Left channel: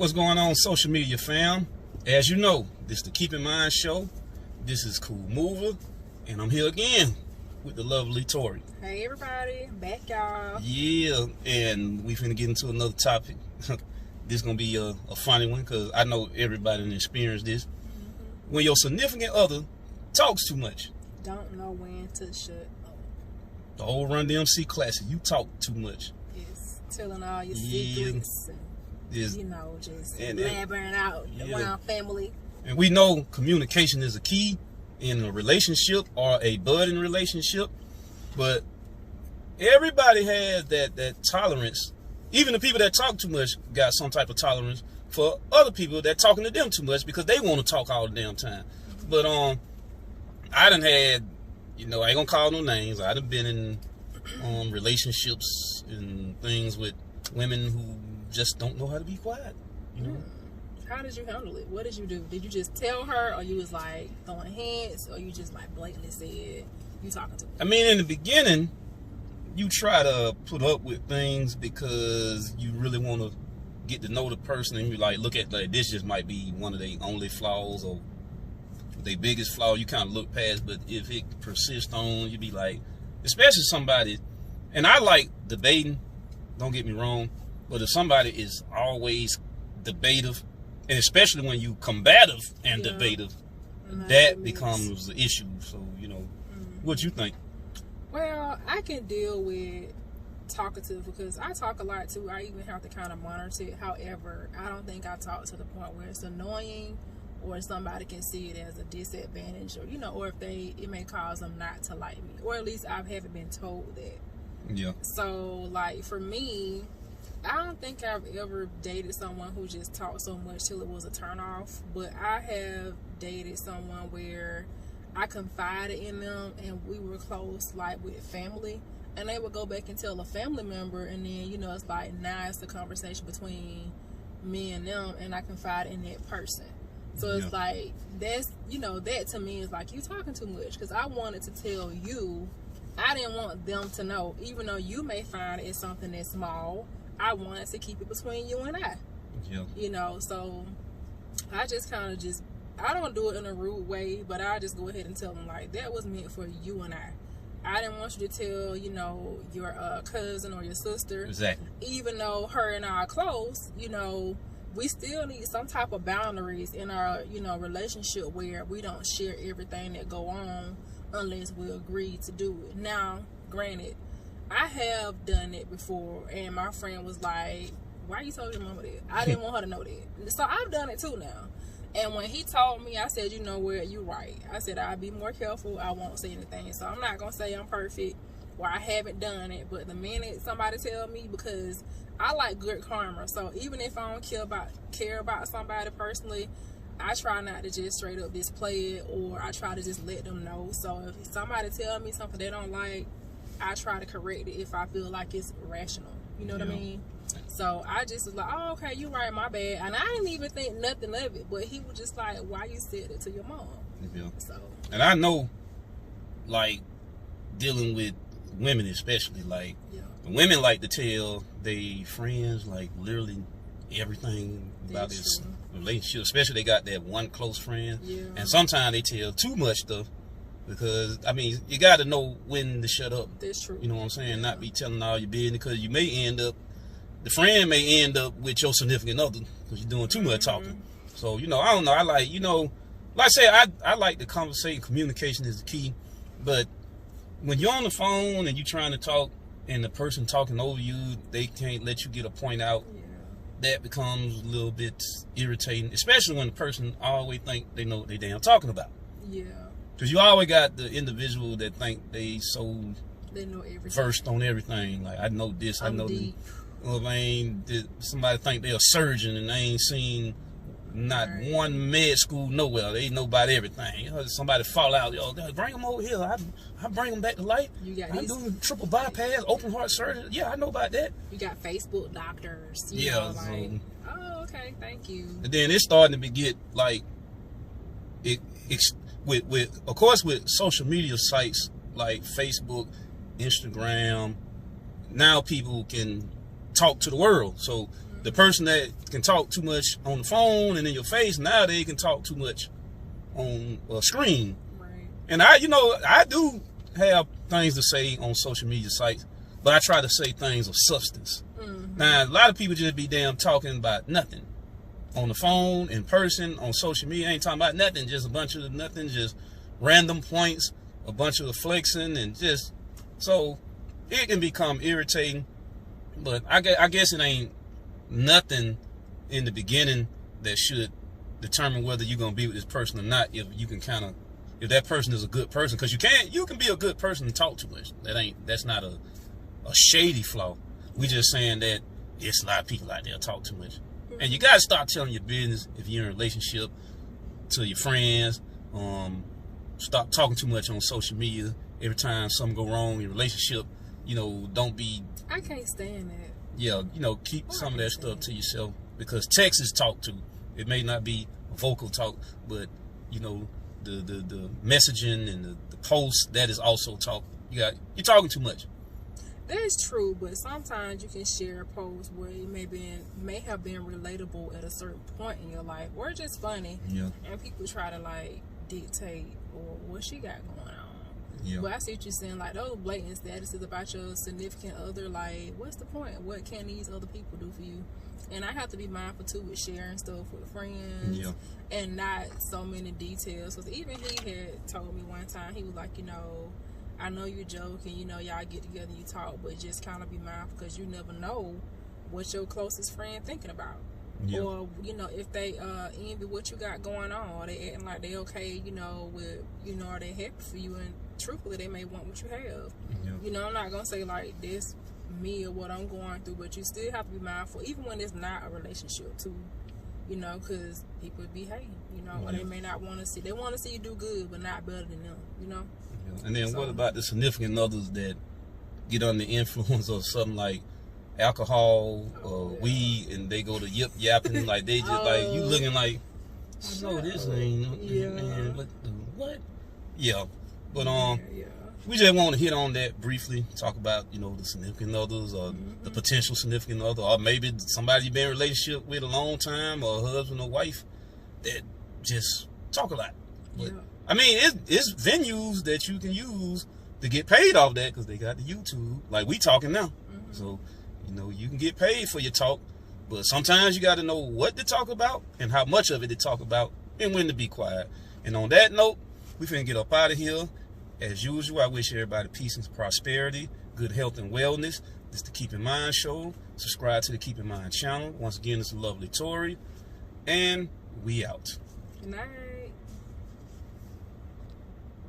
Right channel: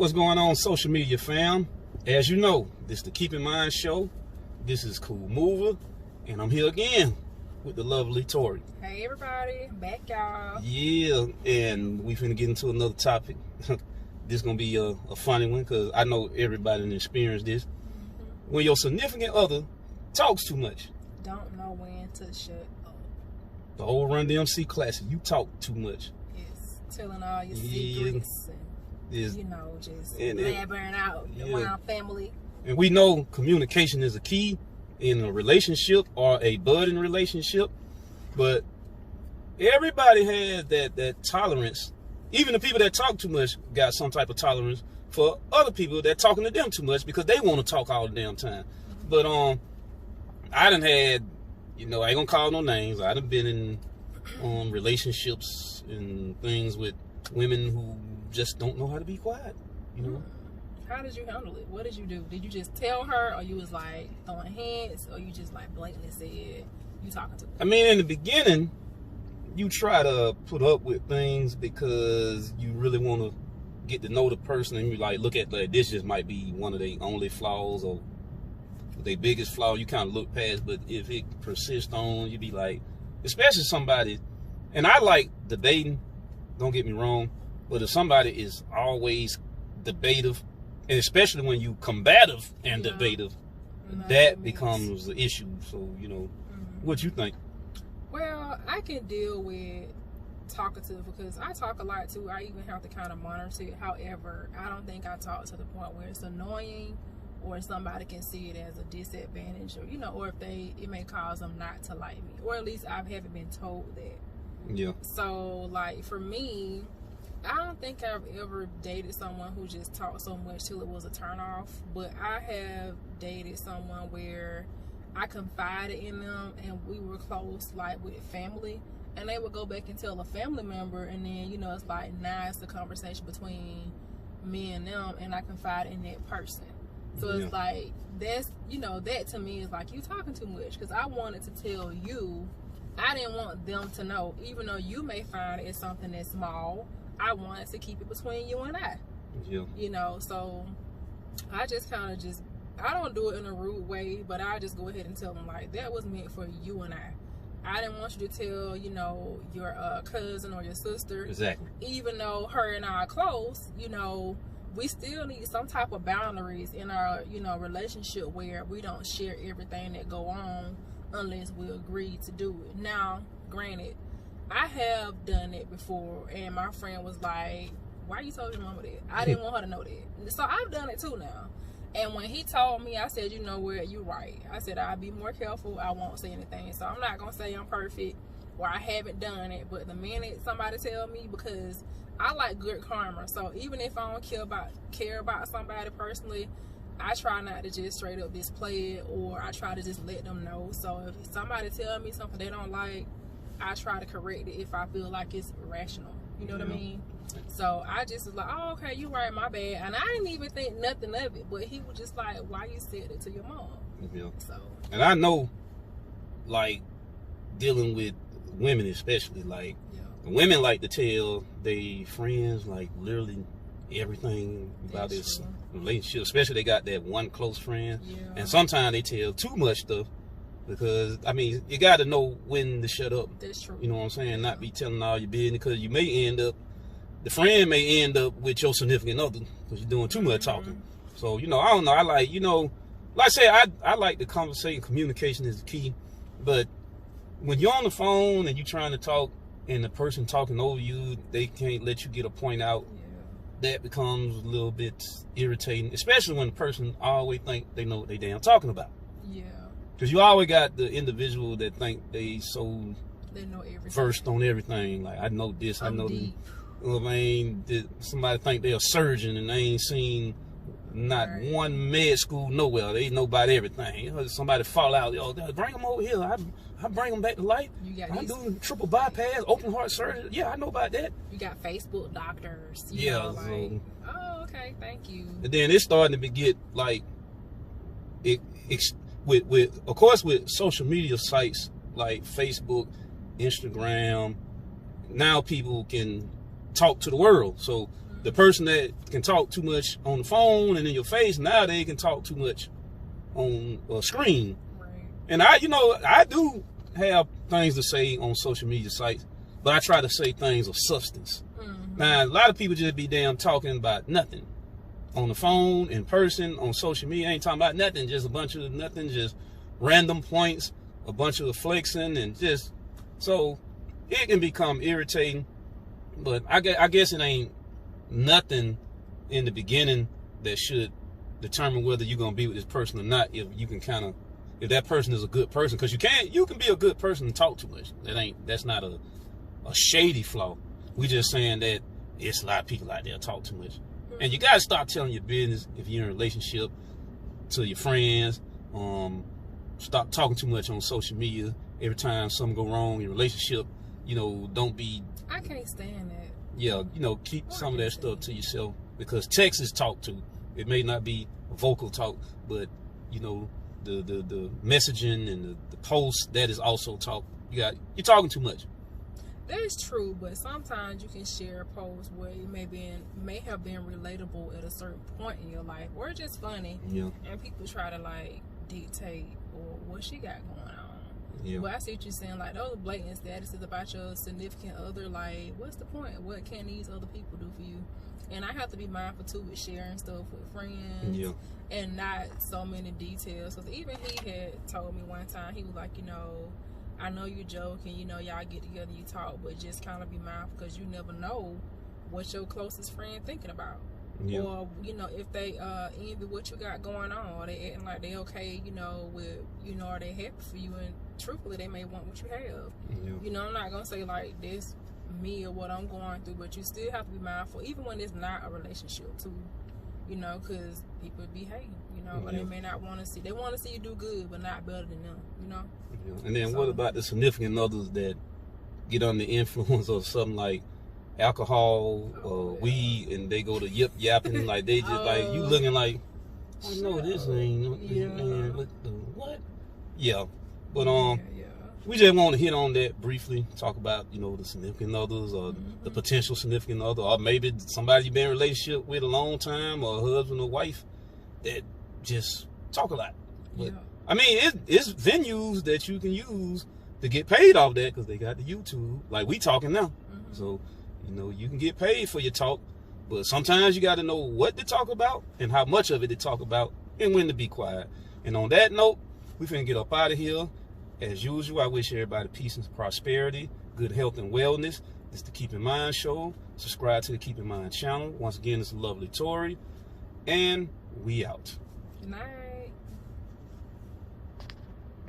What's going on, social media fam? As you know, this is the Keep in Mind show. This is Cool Mover, and I'm here again with the lovely Tori. Hey everybody, back y'all. Yeah, and we finna get into another topic. This gonna be a funny one because I know everybody done experienced this. When your significant other talks too much. Don't know when to shut up. The old Run DMC classic, you talk too much. Yes, telling all your secrets and just blabbering out around family. And we know communication is a key in a relationship or a budding relationship, but everybody has that tolerance. Even the people that talk too much got some type of tolerance for other people that talking to them too much because they want to talk all the damn time. But I done had, I ain't gonna call no names. I done been in relationships and things with women who just don't know how to be quiet. How did you handle it? What did you do? Did you just tell her, or you was like throwing hints, or you just like blatantly said you talking to her? I mean, in the beginning, you try to put up with things because you really want to get to know the person, and you like look at like this just might be one of their only flaws or their biggest flaw. You kind of look past, but if it persists on, you be like, especially somebody, and I like debating. Don't get me wrong, but if somebody is always debative, and especially when you combative and debative, that becomes the issue. So, what you think? Well, I can deal with talkative because I talk a lot too. I even have to kind of monitor it. However, I don't think I talk to the point where it's annoying or somebody can see it as a disadvantage, or or if it may cause them not to like me, or at least I haven't been told that. Yeah. So like for me, I don't think I've ever dated someone who just talked so much till it was a turnoff. But I have dated someone where I confided in them and we were close, like with family, and they would go back and tell a family member, and then it's like now it's the conversation between me and them, and I confide in that person. So it's like that's that to me is like you talking too much, because I wanted to tell you. I didn't want them to know, even though you may find it's something that's small. I wanted to keep it between you and I. Yeah. So I just kind of I don't do it in a rude way, but I just go ahead and tell them like that was meant for you and I. I didn't want you to tell, your cousin or your sister. Exactly. Even though her and I are close, we still need some type of boundaries in our, relationship where we don't share everything that go on unless we agree to do it. Now, granted, I have done it before, and my friend was like, why you told your mama that? I didn't want her to know that. So I've done it too now. And when he told me, I said, you know what, you're right. I said, I'll be more careful. I won't say anything. So I'm not going to say I'm perfect or I haven't done it. But the minute somebody tell me, because I like good karma. So even if I don't care about somebody personally, I try not to just straight up display it, or I try to just let them know. So if somebody tell me something they don't like, I try to correct it if I feel like it's rational. You know what I mean? So I just was like, oh, okay, you right, my bad. And I didn't even think nothing of it. But he was just like, why you said it to your mom? Yeah. So. And I know, like, dealing with women especially, like, women like to tell their friends, like, literally everything about this relationship. Especially they got that one close friend. Yeah. And sometimes they tell too much stuff. Because, I mean, you got to know when to shut up. That's true. You know what I'm saying? Not be telling all your business, because you may end up, the friend may end up with your significant other because you're doing too much talking. So, I don't know. I like, like I said, I like the conversation. Communication is the key. But when you're on the phone and you're trying to talk and the person talking over you, they can't let you get a point out. Yeah. That becomes a little bit irritating, especially when the person always think they know what they damn talking about. Yeah. Because you always got the individual that think they know everything. Versed on everything. Like, I know this, I know that. Somebody think they're a surgeon and they ain't seen not one med school nowhere. They know about everything. Somebody fall out, bring them over here. I bring them back to life. I do triple bypass, open heart surgery. Yeah, I know about that. You got Facebook doctors. Oh, okay, thank you. And then it's starting to get like with of course with social media sites like Facebook, Instagram. Now people can talk to the world. So The person that can talk too much on the phone and in your face, now they can talk too much on a screen. Right. And I do have things to say on social media sites, but I try to say things of substance. Now, a lot of people just be damn talking about nothing. On the phone, in person, on social media, ain't talking about nothing, just a bunch of nothing, just random points, a bunch of flexing, and just, so it can become irritating. But I guess it ain't nothing in the beginning that should determine whether you're gonna be with this person or not. If you can kind of, if that person is a good person, because you can be a good person and talk too much. That's not a shady flaw. We just saying that it's a lot of people out there talk too much, and you gotta start telling your business if you're in a relationship to your friends. Stop talking too much on social media. Every time something go wrong in your relationship, don't be. I can't stand that. Yeah, keep some of that stuff to yourself, because text is talk too. It may not be vocal talk, but the messaging and the post, that is also talk. You're talking too much. That's true, but sometimes you can share a post where it may have been relatable at a certain point in your life, or just funny. Yeah. And people try to dictate or what she got going on. Yeah. Well, I see what you're saying, those blatant statuses about your significant other. What's the point? What can these other people do for you? And I have to be mindful too with sharing stuff with friends. Yeah. And not so many details. Because even he had told me one time, he was like, I know you joke and y'all get together and you talk, but just kind of be mindful, because you never know what your closest friend thinking about. Yeah. Or if they envy what you got going on, or they acting like they okay, with are they happy for you, and truthfully they may want what you have. Yeah. I'm not gonna say this me or what I'm going through, but you still have to be mindful, even when it's not a relationship too. Because people be hating, or they may not want to see. They want to see you do good, but not better than them, Yeah. And then what about the significant others that get under the influence of something like alcohol or weed, and they go to yip yapping, they just you looking like, this ain't. Man, what? Yeah. But we just want to hit on that briefly, talk about the significant others, or the potential significant other, or maybe somebody you've been in a relationship with a long time, or a husband or wife that just talk a lot. But I mean, it's venues that you can use to get paid off that, because they got the YouTube, like we talking now. So you can get paid for your talk, but sometimes you got to know what to talk about and how much of it to talk about, and when to be quiet. And on that note, we finna get up out of here. As usual, I wish everybody peace and prosperity, good health and wellness. This is the Keep in Mind Show. Subscribe to the Keep in Mind channel. Once again, it's the lovely Tori, and we out. Good night.